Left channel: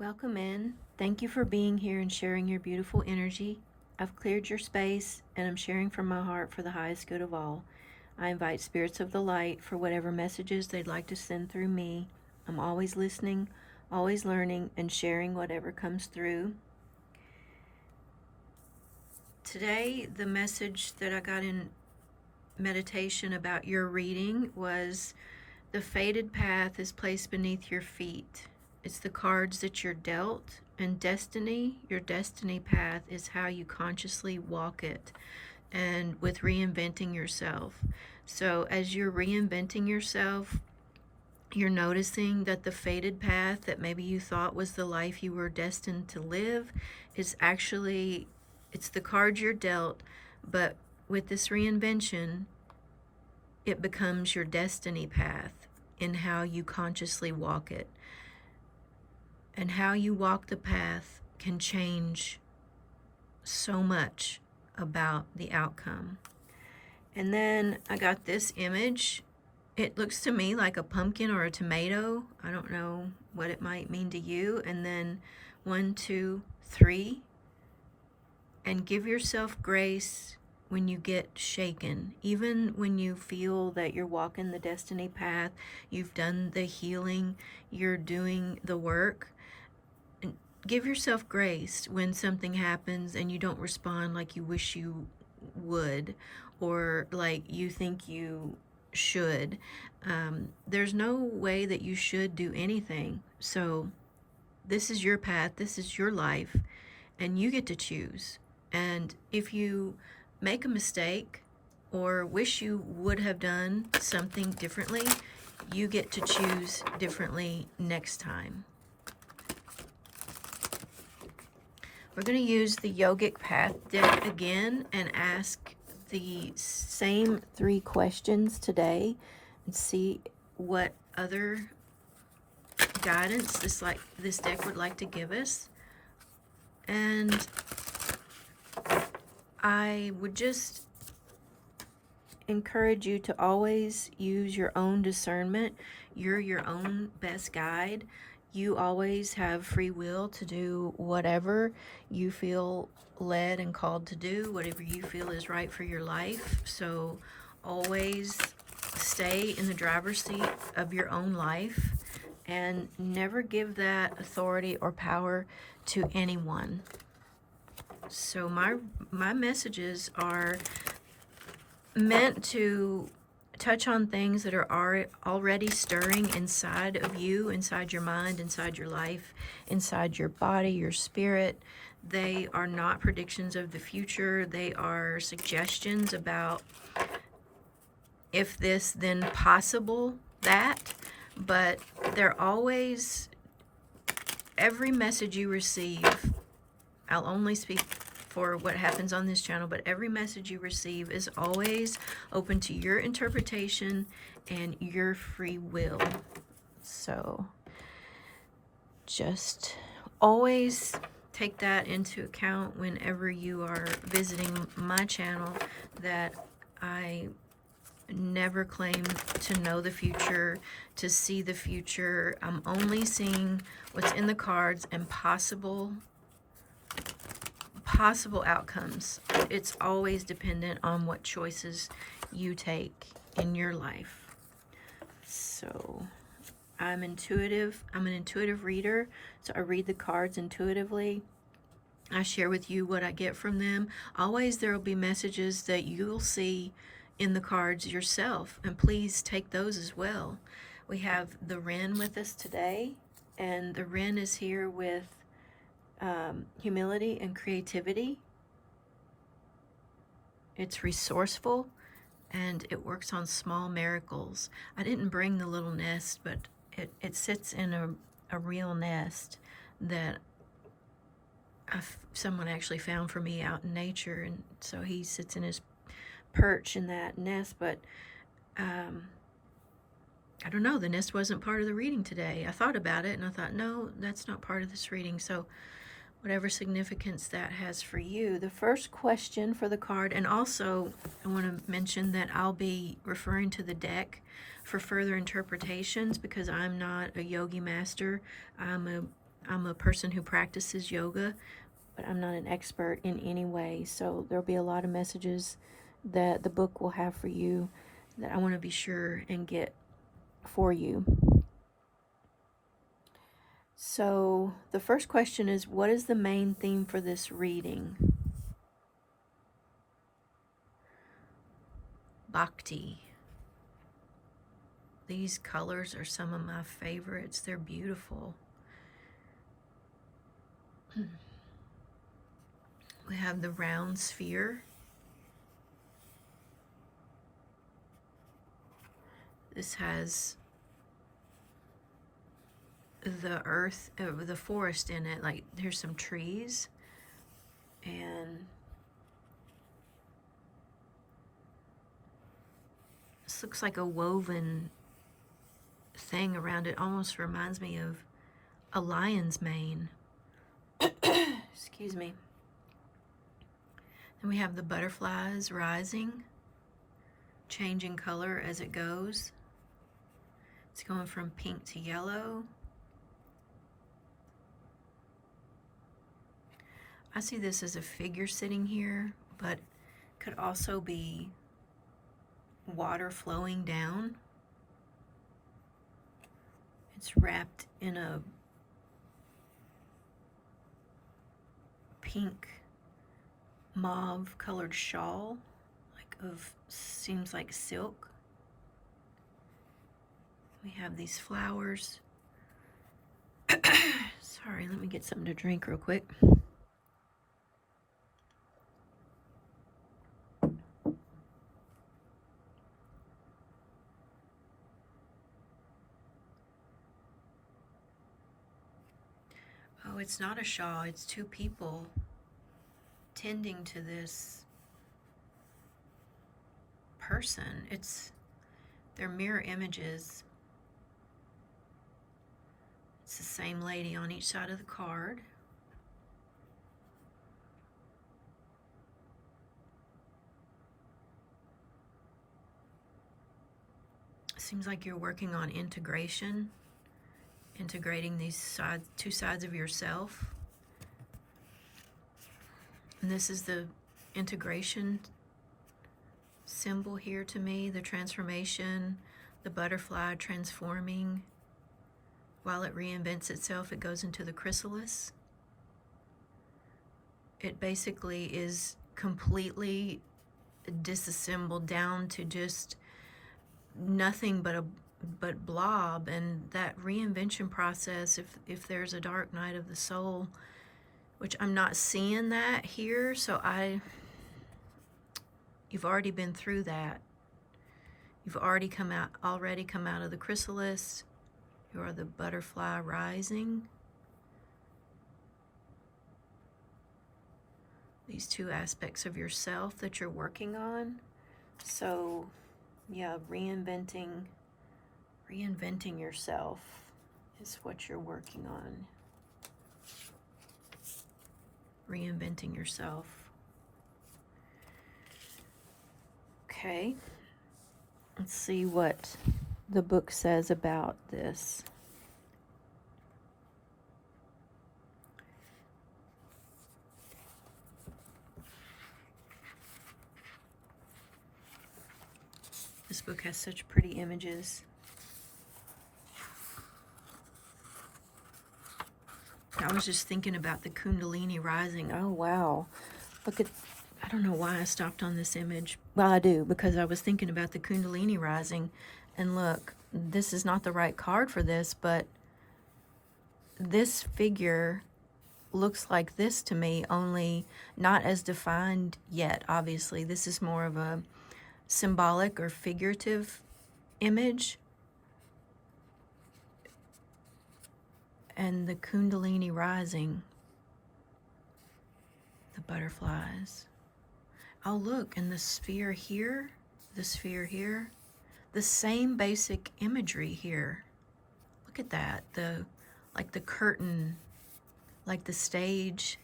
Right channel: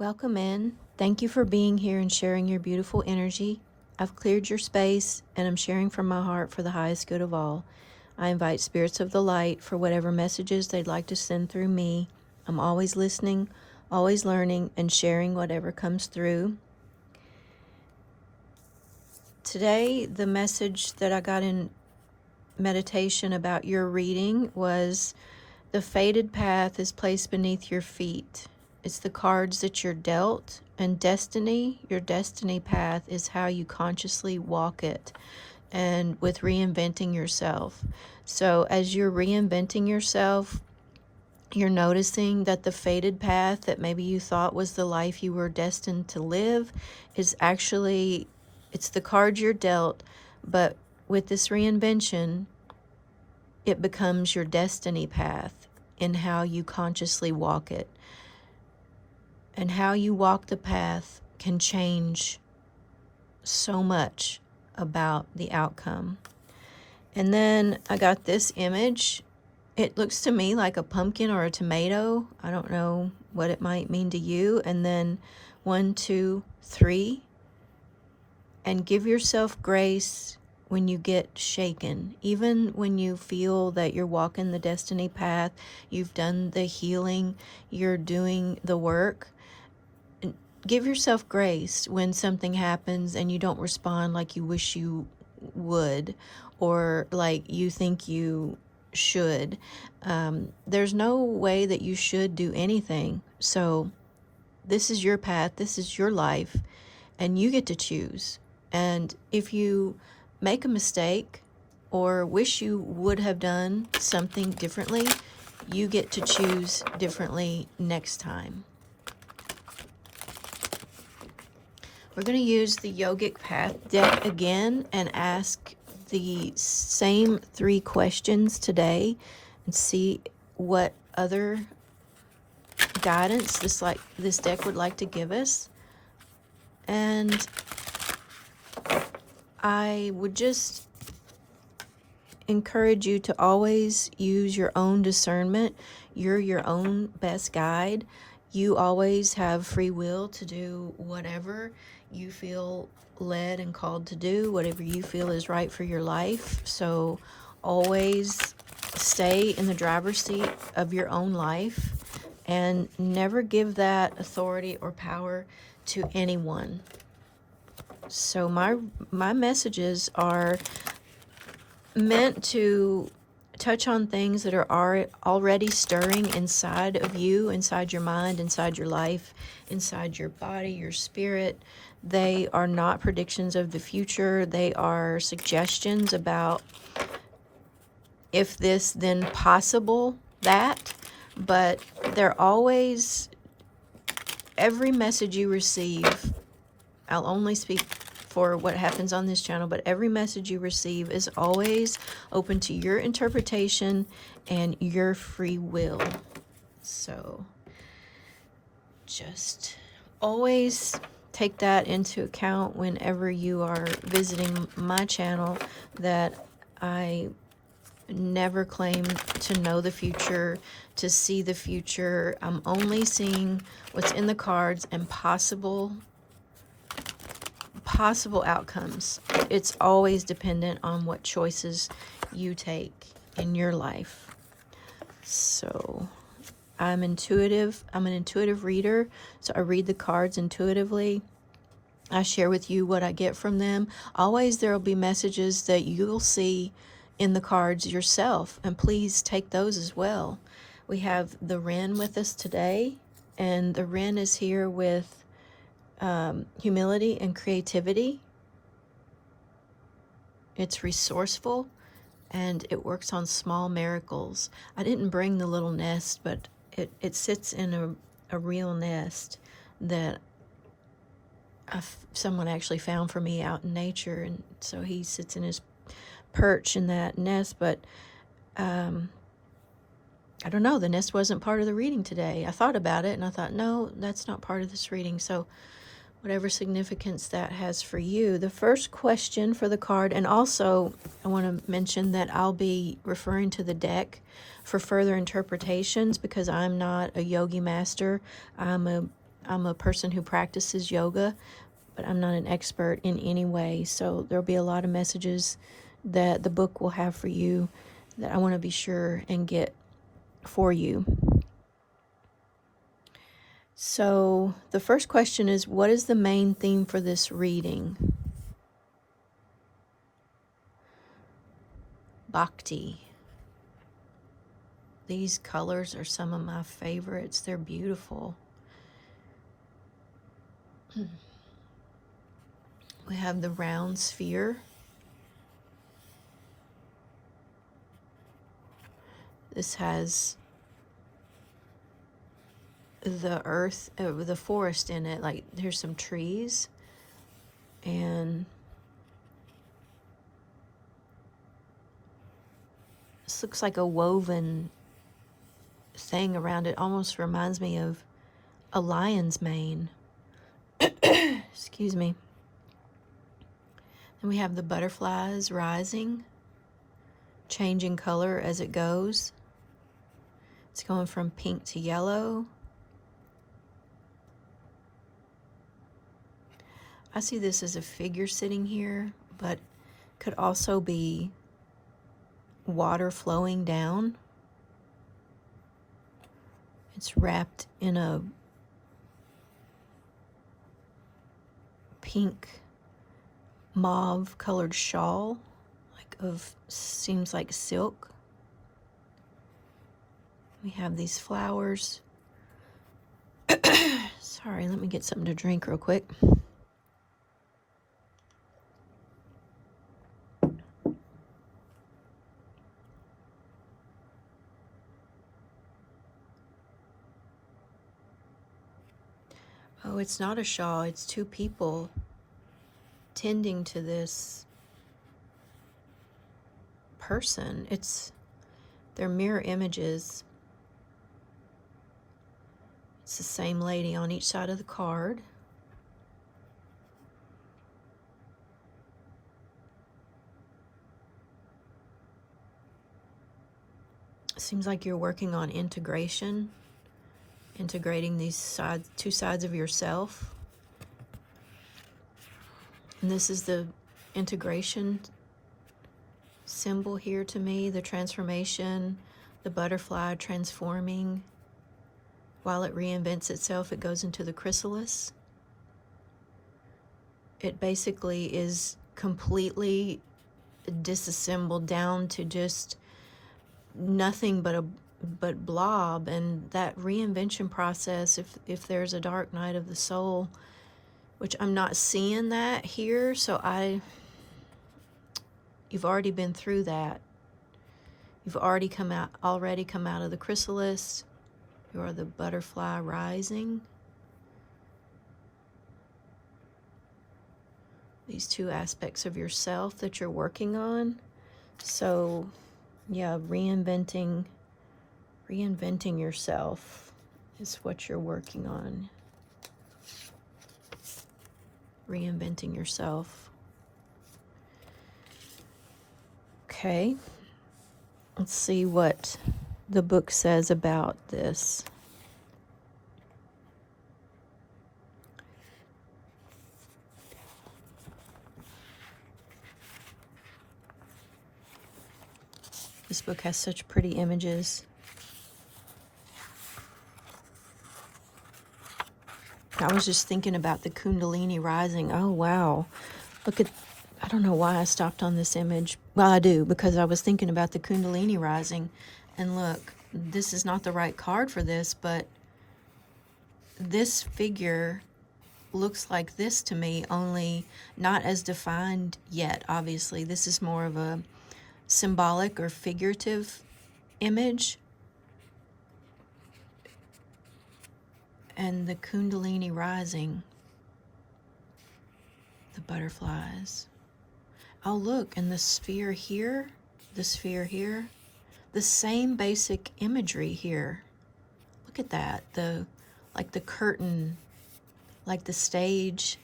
Welcome in. Thank you for being here and sharing your beautiful energy. I've cleared your space and I'm sharing from my heart for the highest good of all. I invite spirits of the light for whatever messages they'd like to send through me. I'm always listening, always learning, and sharing whatever comes through. Today, the message that I got in meditation about your reading was the fated path is placed beneath your feet. It's the cards that you're dealt, and destiny, your destiny path is how you consciously walk it, and with reinventing yourself. So as you're reinventing yourself, you're noticing that the fated path that maybe you thought was the life you were destined to live is actually, it's the cards you're dealt, but with this reinvention, it becomes your destiny path in how you consciously walk it. And how you walk the path can change so much about the outcome. And then I got this image. It looks to me like a pumpkin or a tomato. I don't know what it might mean to you. And then 1, 2, 3. And give yourself grace when you get shaken. Even when you feel that you're walking the destiny path, you've done the healing, you're doing the work. Give yourself grace when something happens and you don't respond like you wish you would or like you think you should. There's no way that you should do anything. So this is your path, this is your life, and you get to choose. And if you make a mistake or wish you would have done something differently, you get to choose differently next time. We're going to use the Yogic Path deck again and ask the same 3 questions today and see what other guidance this deck would like to give us. And I would just encourage you to always use your own discernment. You're your own best guide. You always have free will to do whatever you feel led and called to do, whatever you feel is right for your life. So always stay in the driver's seat of your own life and never give that authority or power to anyone. So my messages are meant to touch on things that are already stirring inside of you, inside your mind, inside your life, inside your body, your spirit. They are not predictions of the future. They are suggestions about if this, then possible that. But they're always, every message you receive, I'll only speak for what happens on this channel, but every message you receive is always open to your interpretation and your free will. So just always take that into account whenever you are visiting my channel, that I never claim to know the future, to see the future. I'm only seeing what's in the cards and possible outcomes. It's always dependent on what choices you take in your life. So I'm intuitive. I'm an intuitive reader, so I read the cards intuitively. I share with you what I get from them. Always there will be messages that you'll see in the cards yourself, and please take those as well. We have the Wren with us today, and the Wren is here with humility and creativity. It's resourceful and it works on small miracles. I didn't bring the little nest, but it sits in a real nest that someone actually found for me out in nature, and so he sits in his perch in that nest. But I don't know, the nest wasn't part of the reading today. I thought about it and I thought, no, that's not part of this reading. So whatever significance that has for you. The first question for the card, and also I want to mention that I'll be referring to the deck for further interpretations because I'm not a yogi master. I'm a I'm a person who practices yoga, but I'm not an expert in any way. So there'll be a lot of messages that the book will have for you that I want to be sure and get for you. So the first question is, what is the main theme for this reading? Bhakti. These colors are some of my favorites. They're beautiful. We have the round sphere. This has the earth, the forest in it. Like there's some trees, and this looks like a woven thing around it. Almost reminds me of a lion's mane. Excuse me. And we have the butterflies rising, changing color as it goes. It's going from pink to yellow. I see this as a figure sitting here, but could also be water flowing down. It's wrapped in a pink mauve colored shawl, seems like silk. We have these flowers. Sorry, let me get something to drink real quick. Oh, it's not a shawl, it's two people tending to this person. They're mirror images. It's the same lady on each side of the card. Seems like you're working on integration, integrating these two sides of yourself. And this is the integration symbol here to me, the transformation, the butterfly transforming. While it reinvents itself, it goes into the chrysalis. It basically is completely disassembled down to just nothing but blob. And that reinvention process, if there's a dark night of the soul, which I'm not seeing that here, so you've already been through that. You've already come out of the chrysalis. You are the butterfly rising. These two aspects of yourself that you're working on. So, yeah, reinventing yourself is what you're working on. Reinventing yourself. Okay. Let's see what the book says about this. This book has such pretty images. I was just thinking about the Kundalini rising. Oh, wow. I don't know why I stopped on this image. Well, I do, because I was thinking about the Kundalini rising. And look, this is not the right card for this, but this figure looks like this to me, only not as defined yet, obviously. This is more of a symbolic or figurative image. And the Kundalini rising, the butterflies. Oh, look, and the sphere here, the same basic imagery here. Look at that, like the curtain, like the stage.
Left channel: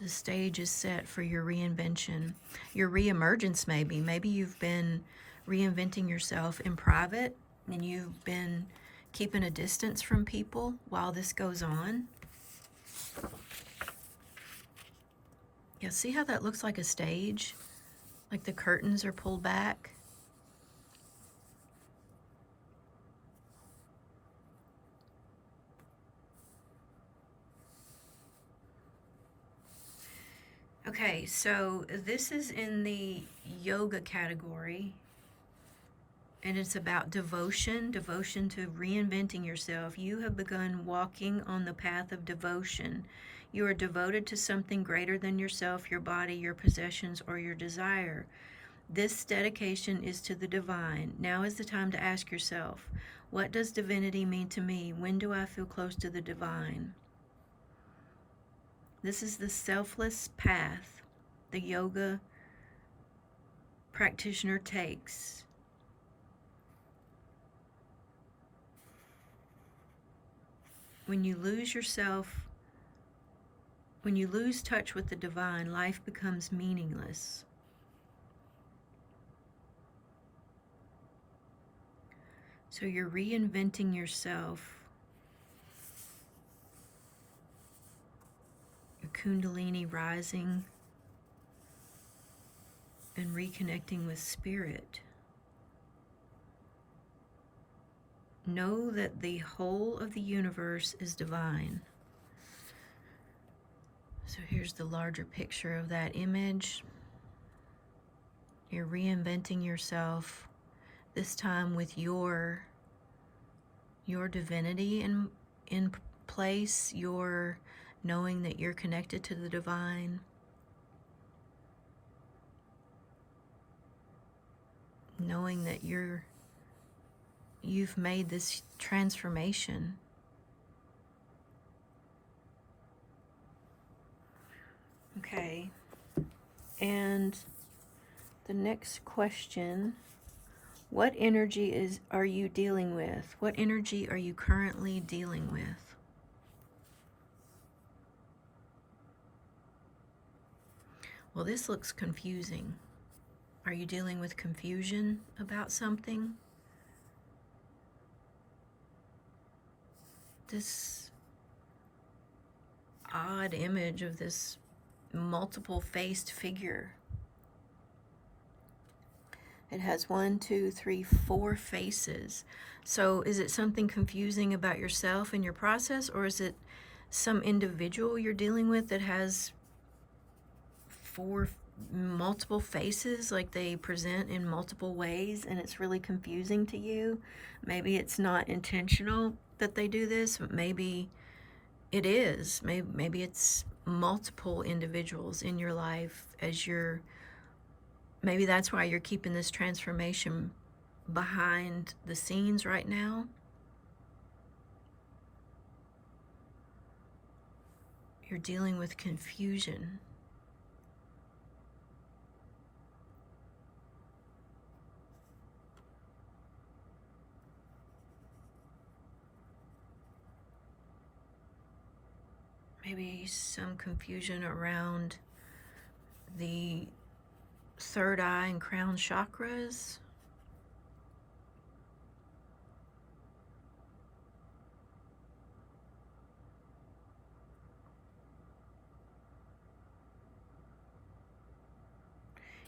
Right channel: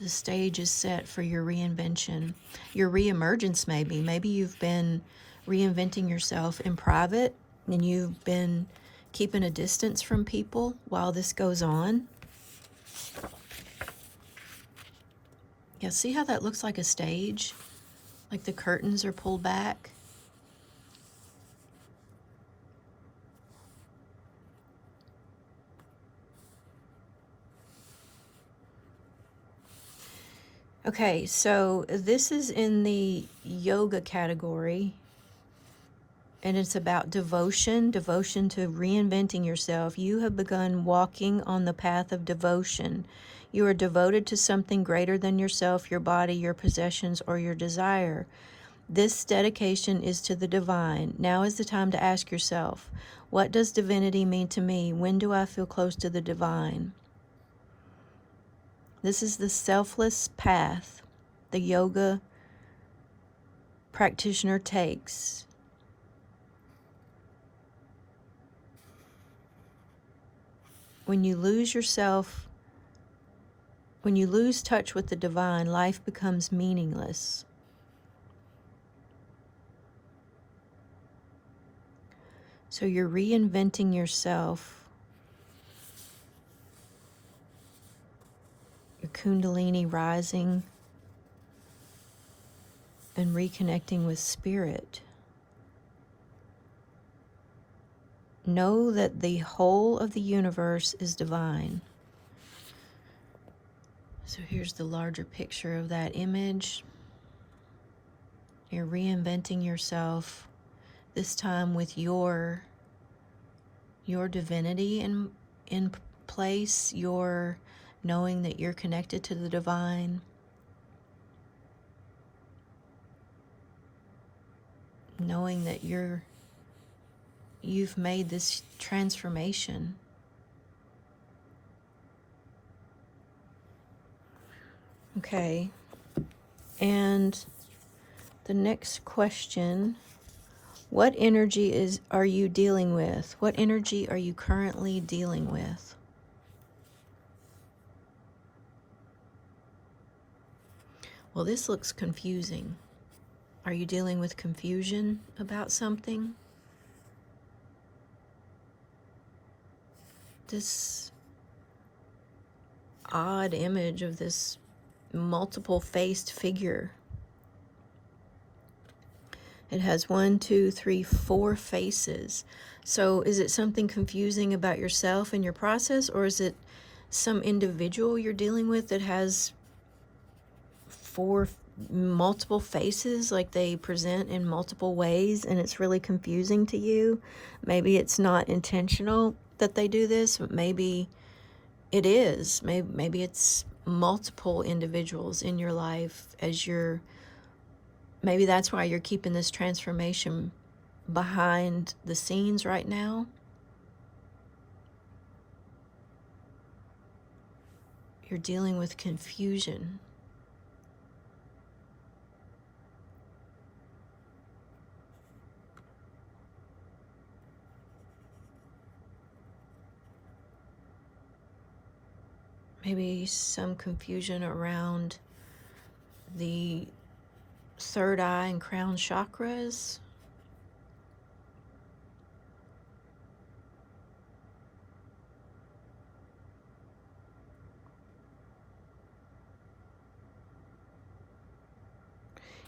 The stage is set for your reinvention, your reemergence maybe. Maybe you've been reinventing yourself in private and you've been keeping a distance from people while this goes on. Yeah, see how that looks like a stage? Like the curtains are pulled back? Okay, so this is in the yoga category, and it's about devotion to reinventing yourself. You have begun walking on the path of devotion. You are devoted to something greater than yourself, your body, your possessions, or your desire. This dedication is to the divine. Now is the time to ask yourself, what does divinity mean to me? When do I feel close to the divine? This is the selfless path the yoga practitioner takes. When you lose yourself, when you lose touch with the divine, life becomes meaningless. So you're reinventing yourself. Your Kundalini rising and reconnecting with spirit. Know that the whole of the universe is divine. So here's the larger picture of that image. You're reinventing yourself, this time with your divinity in place, your knowing that you're connected to the divine. Knowing that you've made this transformation. Okay. And the next question, what energy are you dealing with? What energy are you currently dealing with? Well, this looks confusing. Are you dealing with confusion about something? This odd image of this multiple-faced figure. It has 1, 2, 3, 4 faces. So is it something confusing about yourself and your process, or is it some individual you're dealing with that has 4 multiple faces, like they present in multiple ways, and it's really confusing to you? Maybe it's not intentional that they do this, but maybe it is. Maybe it's multiple individuals in your life as you're, maybe that's why you're keeping this transformation behind the scenes right now. You're dealing with confusion. Maybe some confusion around the third eye and crown chakras.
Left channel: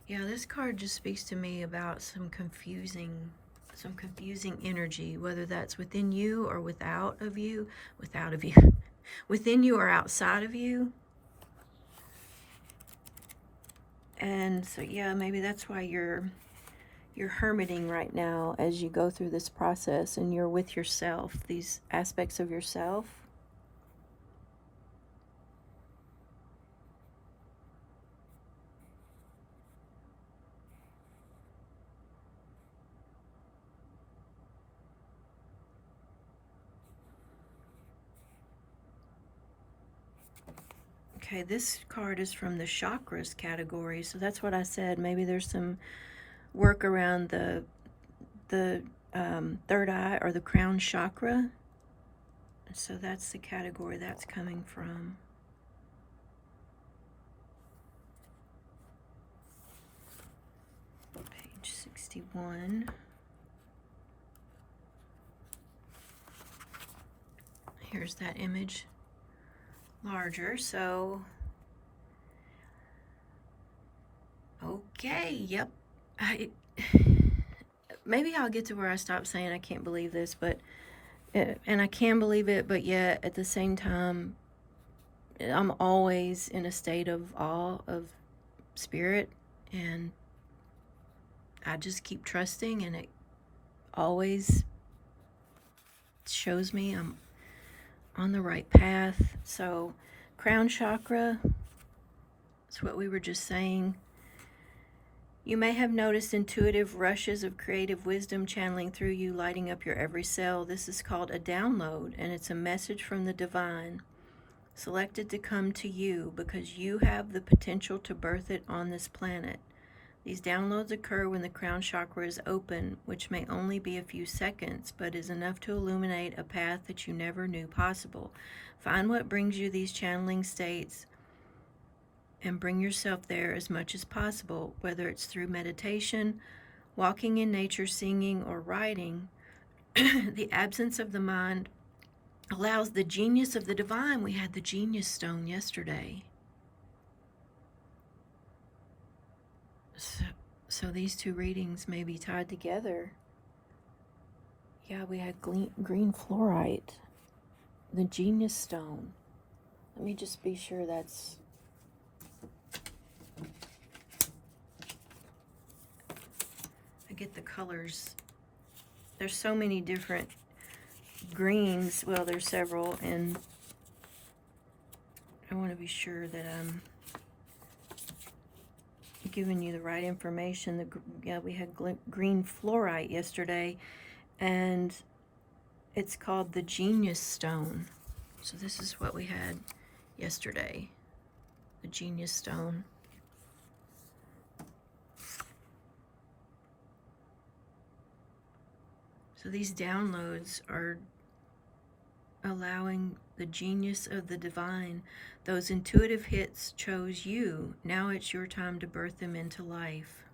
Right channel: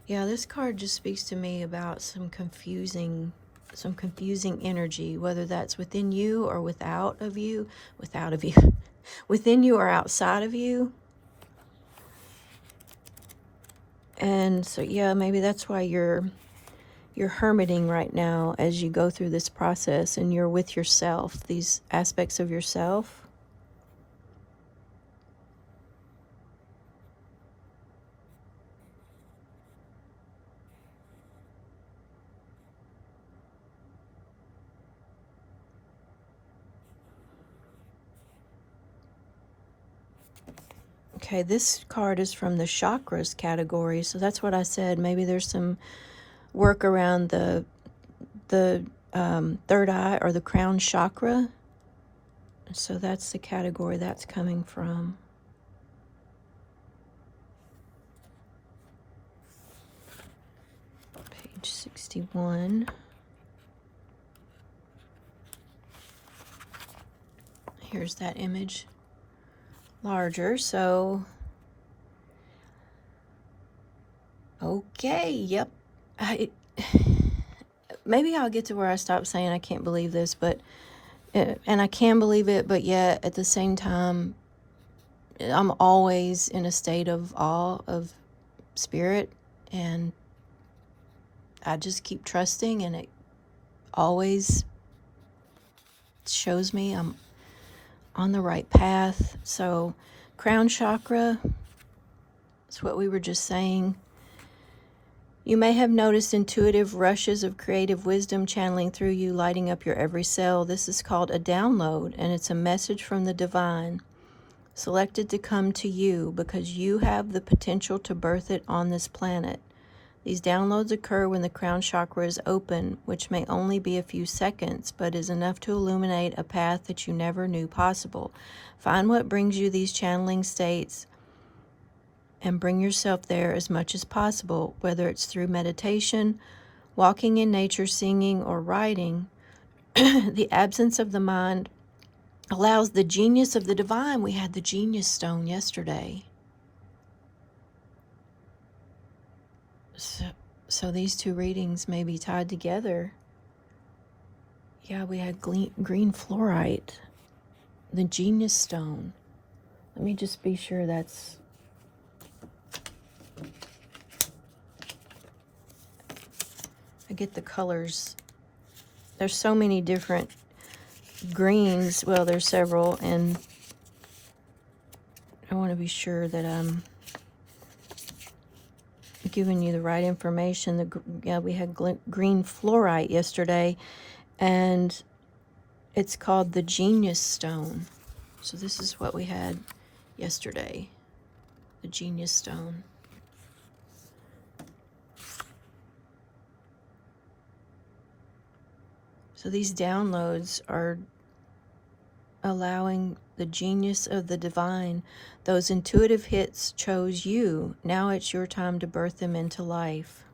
Yeah, this card just speaks to me about some confusing energy, whether that's within you or without of you, within you or outside of you. And so, yeah, maybe that's why you're hermiting right now as you go through this process, and you're with yourself, these aspects of yourself. Okay, this card is from the chakras category, so that's what I said. Maybe there's some work around the third eye or the crown chakra. So that's the category that's coming from. Page 61. Here's that image larger. So, okay, yep. Maybe I'll get to where I stop saying I can't believe this, but, and I can believe it, but yet at the same time, I'm always in a state of awe of spirit, and I just keep trusting, and it always shows me I'm on the right path. So, crown chakra, that's what we were just saying. You may have noticed intuitive rushes of creative wisdom channeling through you, lighting up your every cell. This is called a download, and it's a message from the divine, selected to come to you because you have the potential to birth it on this planet. These downloads occur when the crown chakra is open, which may only be a few seconds, but is enough to illuminate a path that you never knew possible. Find what brings you these channeling states and bring yourself there as much as possible, whether it's through meditation, walking in nature, singing, or writing. The absence of the mind allows the genius of the divine. We had the genius stone yesterday. So these two readings may be tied together. Yeah, we had green fluorite, the genius stone. Let me just be sure that's... I get the colors. There's so many different greens. Well, there's several, and I want to be sure that I'm giving you the right information. Yeah, we had green fluorite yesterday, and it's called the genius stone. So this is what we had yesterday, the genius stone. So these downloads are allowing the genius of the divine. Those intuitive hits chose you. Now it's your time to birth them into life.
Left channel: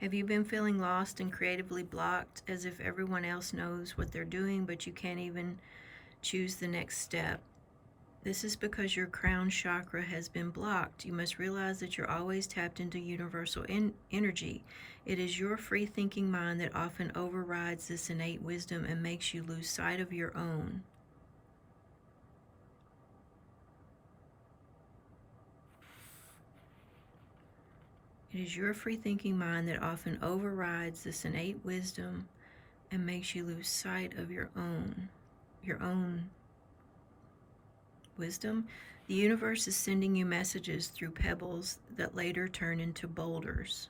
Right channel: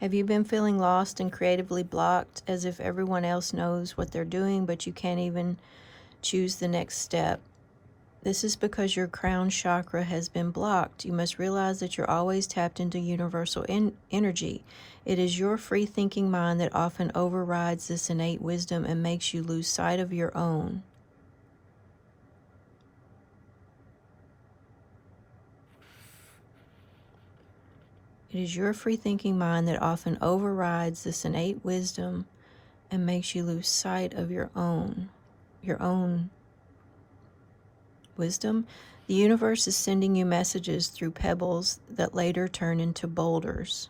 Have you been feeling lost and creatively blocked, as if everyone else knows what they're doing, but you can't even choose the next step? This is because your crown chakra has been blocked. You must realize that you're always tapped into universal energy. It is your free-thinking mind that often overrides this innate wisdom and makes you lose sight of your own. It is your free-thinking mind that often overrides this innate wisdom and makes you lose sight of your own wisdom. The universe is sending you messages through pebbles that later turn into boulders.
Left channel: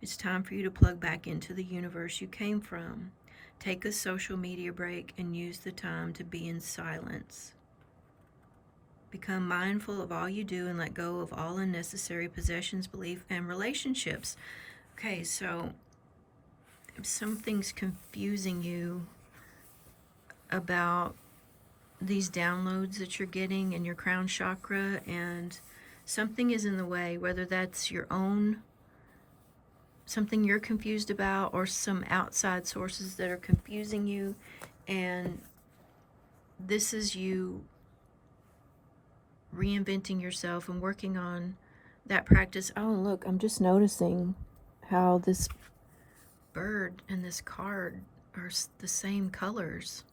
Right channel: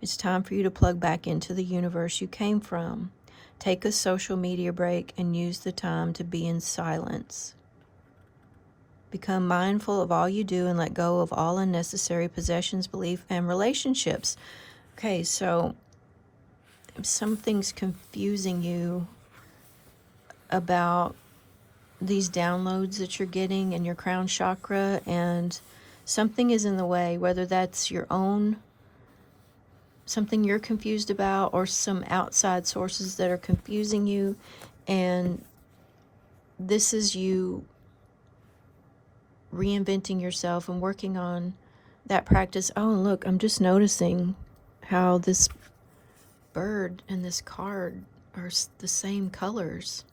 It's time for you to plug back into the universe you came from. Take a social media break and use the time to be in silence. Become mindful of all you do and let go of all unnecessary possessions, belief, and relationships. Okay, so if something's confusing you about these downloads that you're getting in your crown chakra, and something is in the way, whether that's your own, something you're confused about, or some outside sources that are confusing you, and this is you reinventing yourself and working on that practice. Oh, look, I'm just noticing how this bird and this card are the same colors.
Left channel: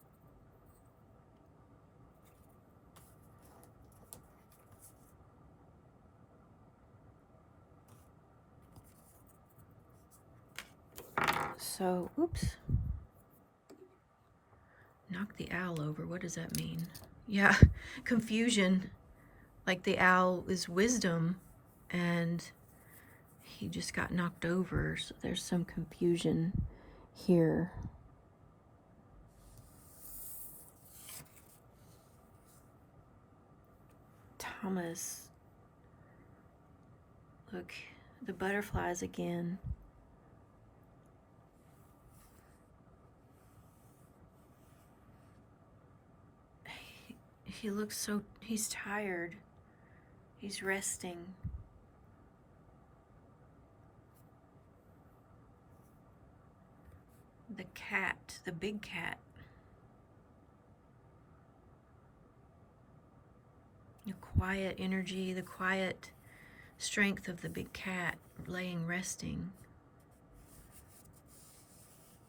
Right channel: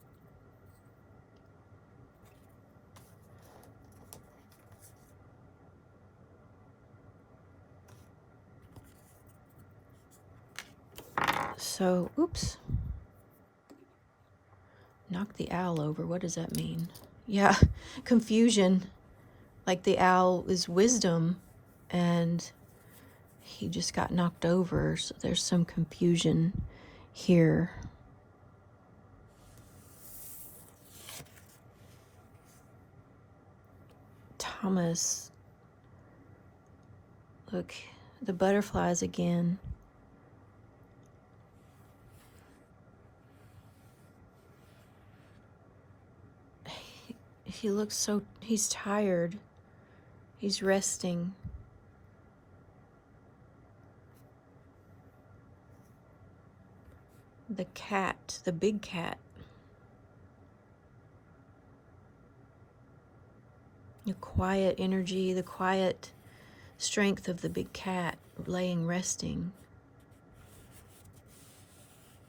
So, oops. Knock the owl over. What does that mean? Yeah, confusion. Like the owl is wisdom, and he just got knocked over. So there's some confusion here. Thomas. Look, the butterflies again. He looks so, he's tired. He's resting. The cat, the big cat. The quiet energy, the quiet strength of the big cat laying resting.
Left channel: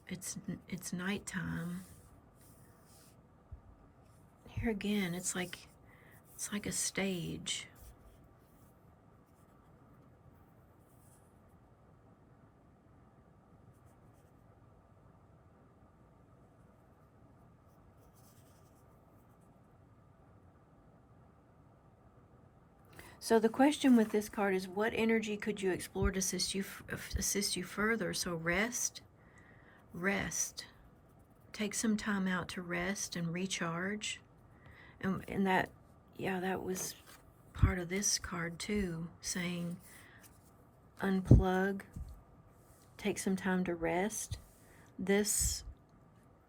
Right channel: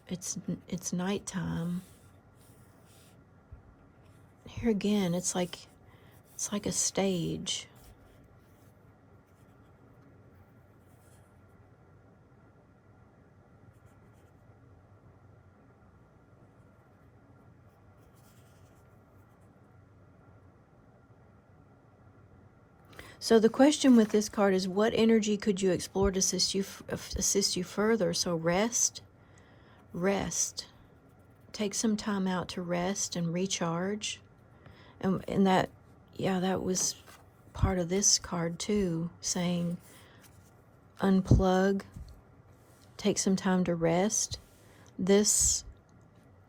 It's nighttime. Here again, it's like a stage. So the question with this card is, what energy could you explore to assist you further? So rest. Take some time out to rest and recharge. And that, yeah, that was part of this card too, saying unplug, take some time to rest. This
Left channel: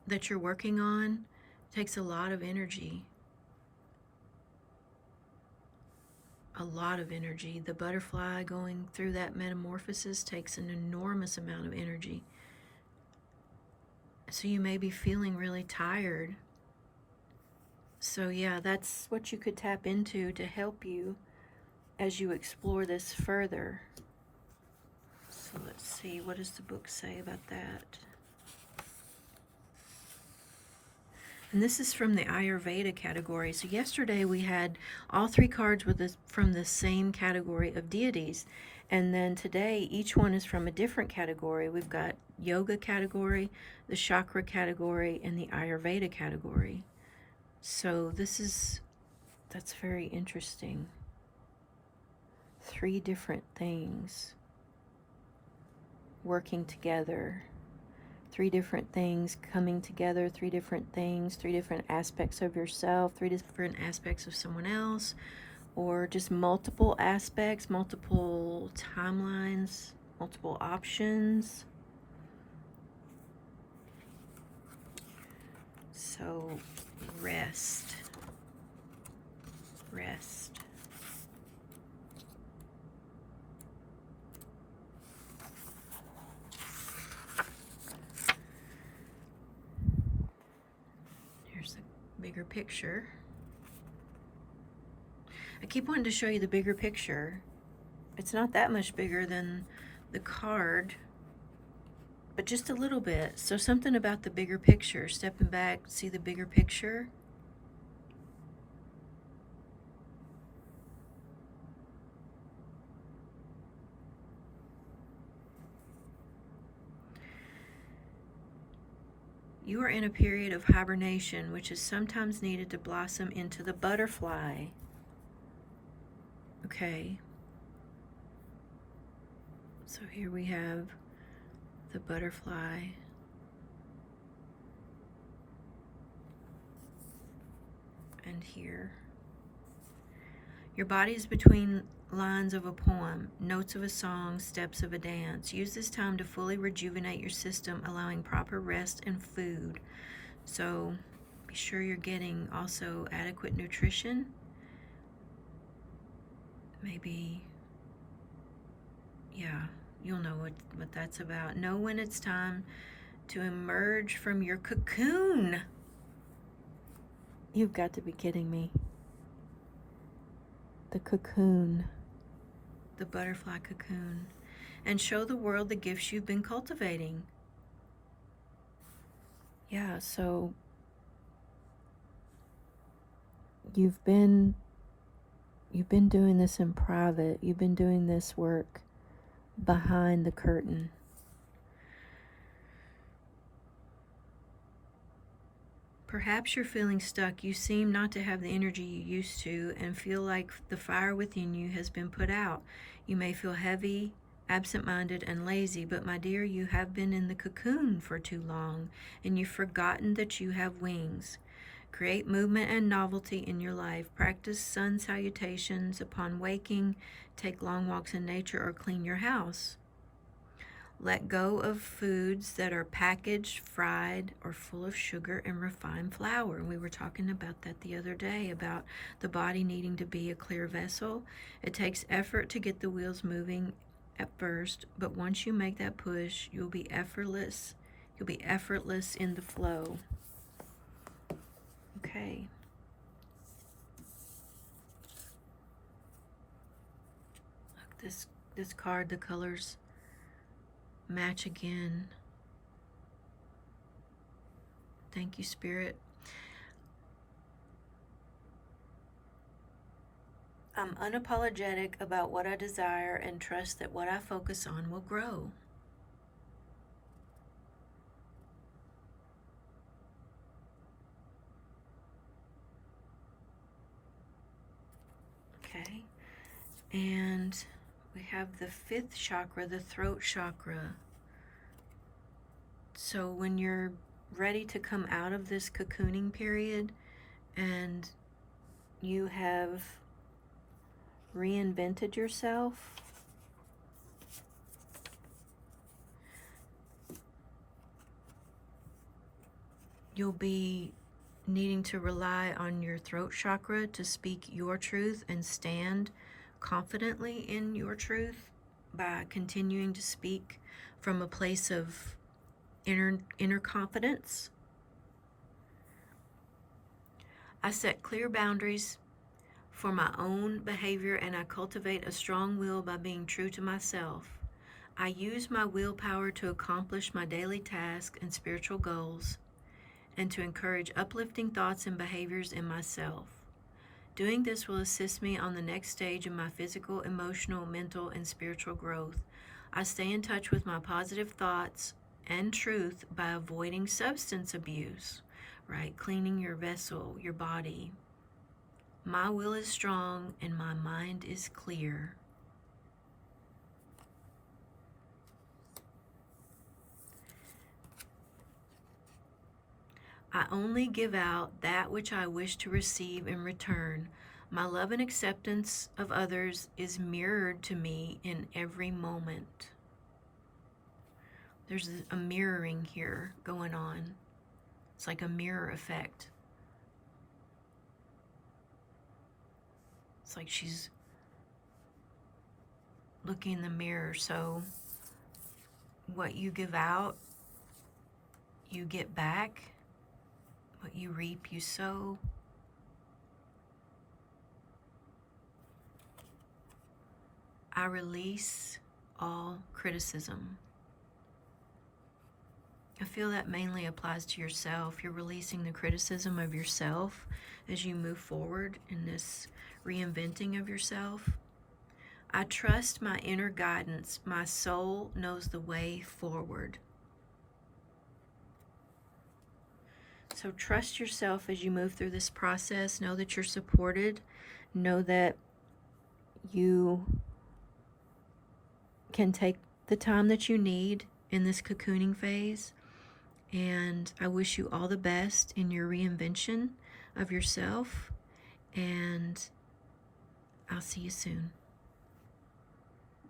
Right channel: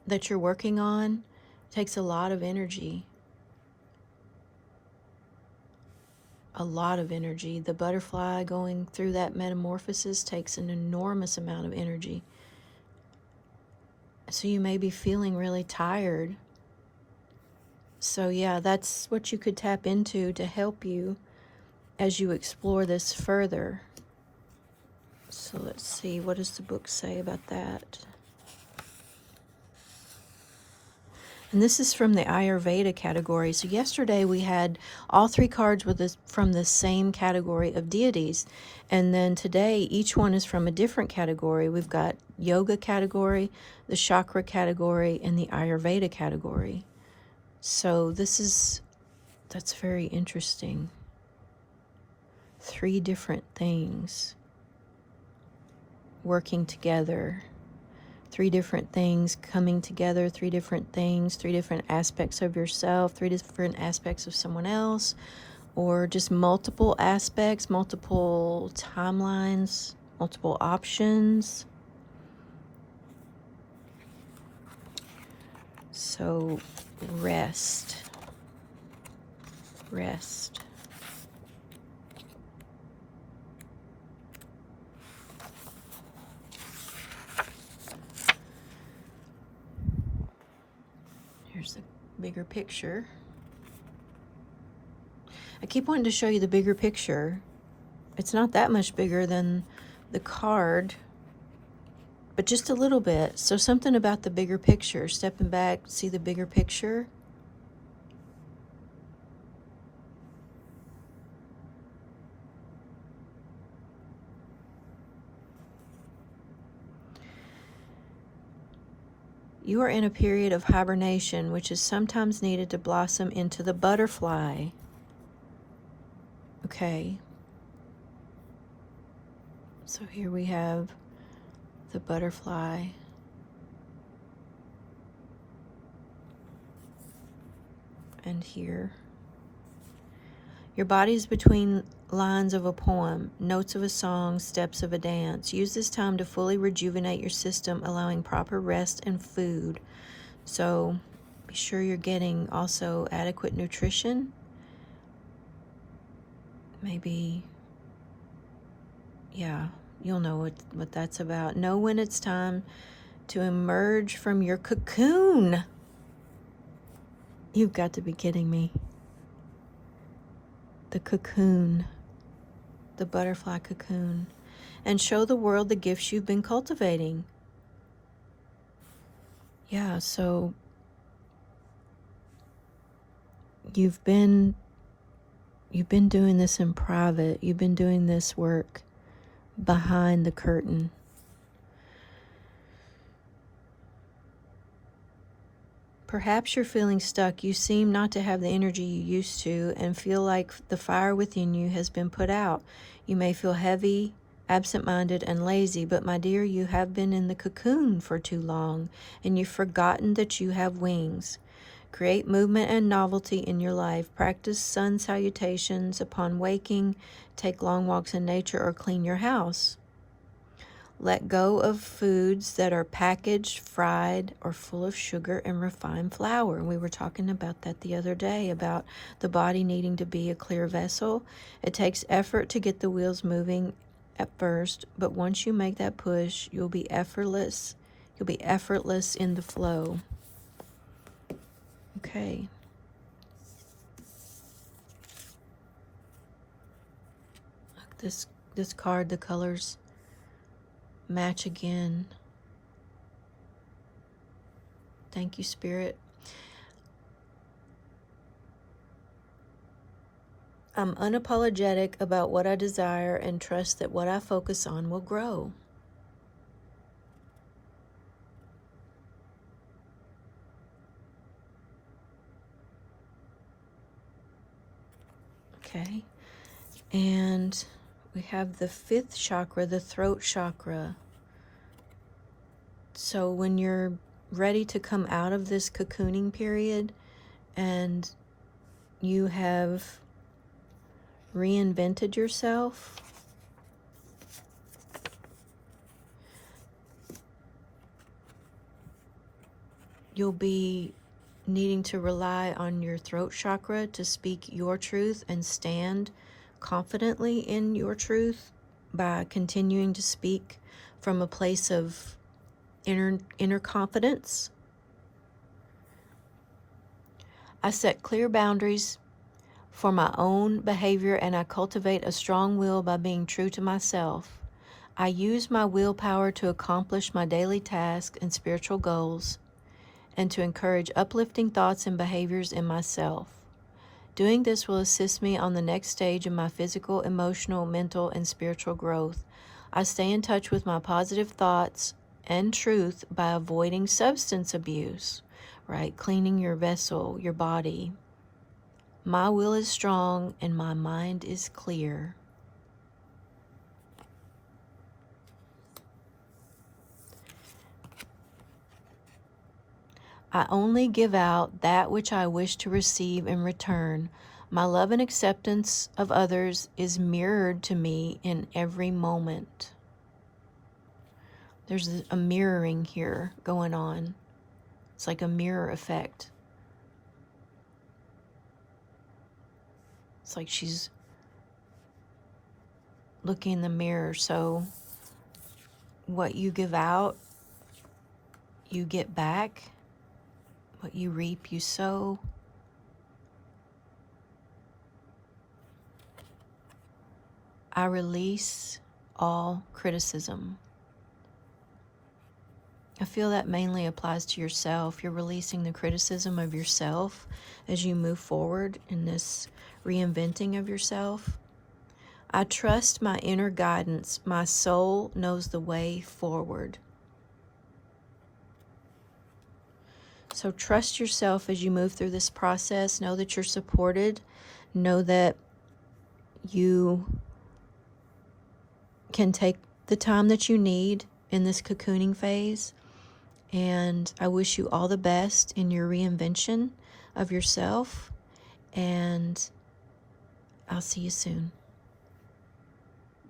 that you're working on takes a lot of energy. A lot of energy. The butterfly going through that metamorphosis takes an enormous amount of energy. So you may be feeling really tired. So yeah, that's what you could tap into to help you as you explore this further. So let's see, what does the book say about that? And this is from the Ayurveda category. So yesterday we had all three cards from the same category of deities. And then today each one is from a different category. We've got yoga category, the chakra category, and the Ayurveda category. So that's very interesting. 3 different things working together. 3 different things coming together, 3 different things, 3 different aspects of yourself, 3 different aspects of someone else, or just multiple aspects, multiple timelines, multiple options. So rest. Here's the bigger picture. I keep wanting to show you the bigger picture. It's not that much bigger than the card, but just a little bit. So something about the bigger picture, stepping back, see the bigger picture. You are in a period of hibernation, which is sometimes needed to blossom into the butterfly. Okay. So here we have the butterfly. And here. Your body is between lines of a poem, notes of a song, steps of a dance. Use this time to fully rejuvenate your system, allowing proper rest and food. So be sure you're getting also adequate nutrition. Maybe, yeah, you'll know what that's about. Know when it's time to emerge from your cocoon. You've got to be kidding me. The cocoon, the butterfly cocoon, and show the world the gifts you've been cultivating. Yeah, so you've been doing this in private. You've been doing this work behind the curtain. Perhaps you're feeling stuck. You seem not to have the energy you used to and feel like the fire within you has been put out. You may feel heavy, absent-minded, and lazy, but my dear, you have been in the cocoon for too long, and you've forgotten that you have wings. Create movement and novelty in your life. Practice sun salutations upon waking. Take long walks in nature or clean your house. Let go of foods that are packaged, fried, or full of sugar and refined flour. And we were talking about that the other day, about the body needing to be a clear vessel. It takes effort to get the wheels moving at first, but once you make that push, you'll be effortless You'll be effortless in the flow. Okay. This card, the colors match again. Thank you, Spirit. I'm unapologetic about what I desire and trust that what I focus on will grow. Okay. And we have the fifth chakra, the throat chakra. So when you're ready to come out of this cocooning period and you have reinvented yourself, you'll be needing to rely on your throat chakra to speak your truth and stand confidently in your truth by continuing to speak from a place of inner confidence. I set clear boundaries for my own behavior and I cultivate a strong will by being true to myself. I use my willpower to accomplish my daily tasks and spiritual goals and to encourage uplifting thoughts and behaviors in myself. Doing this will assist me on the next stage of my physical, emotional, mental, and spiritual growth. I stay in touch with my positive thoughts and truth by avoiding substance abuse, right? Cleaning your vessel, your body. My will is strong and my mind is clear. I only give out that which I wish to receive in return. My love and acceptance of others is mirrored to me in every moment. There's a mirroring here going on. It's like a mirror effect. It's like she's looking in the mirror. So what you give out, you get back. What you reap, you sow. I release all criticism. I feel that mainly applies to yourself. You're releasing the criticism of yourself as you move forward in this reinventing of yourself. I trust my inner guidance. My soul knows the way forward. So trust yourself as you move through this process. Know that you're supported. Know that you can take the time that you need in this cocooning phase. And I wish you all the best in your reinvention of yourself. And I'll see you soon.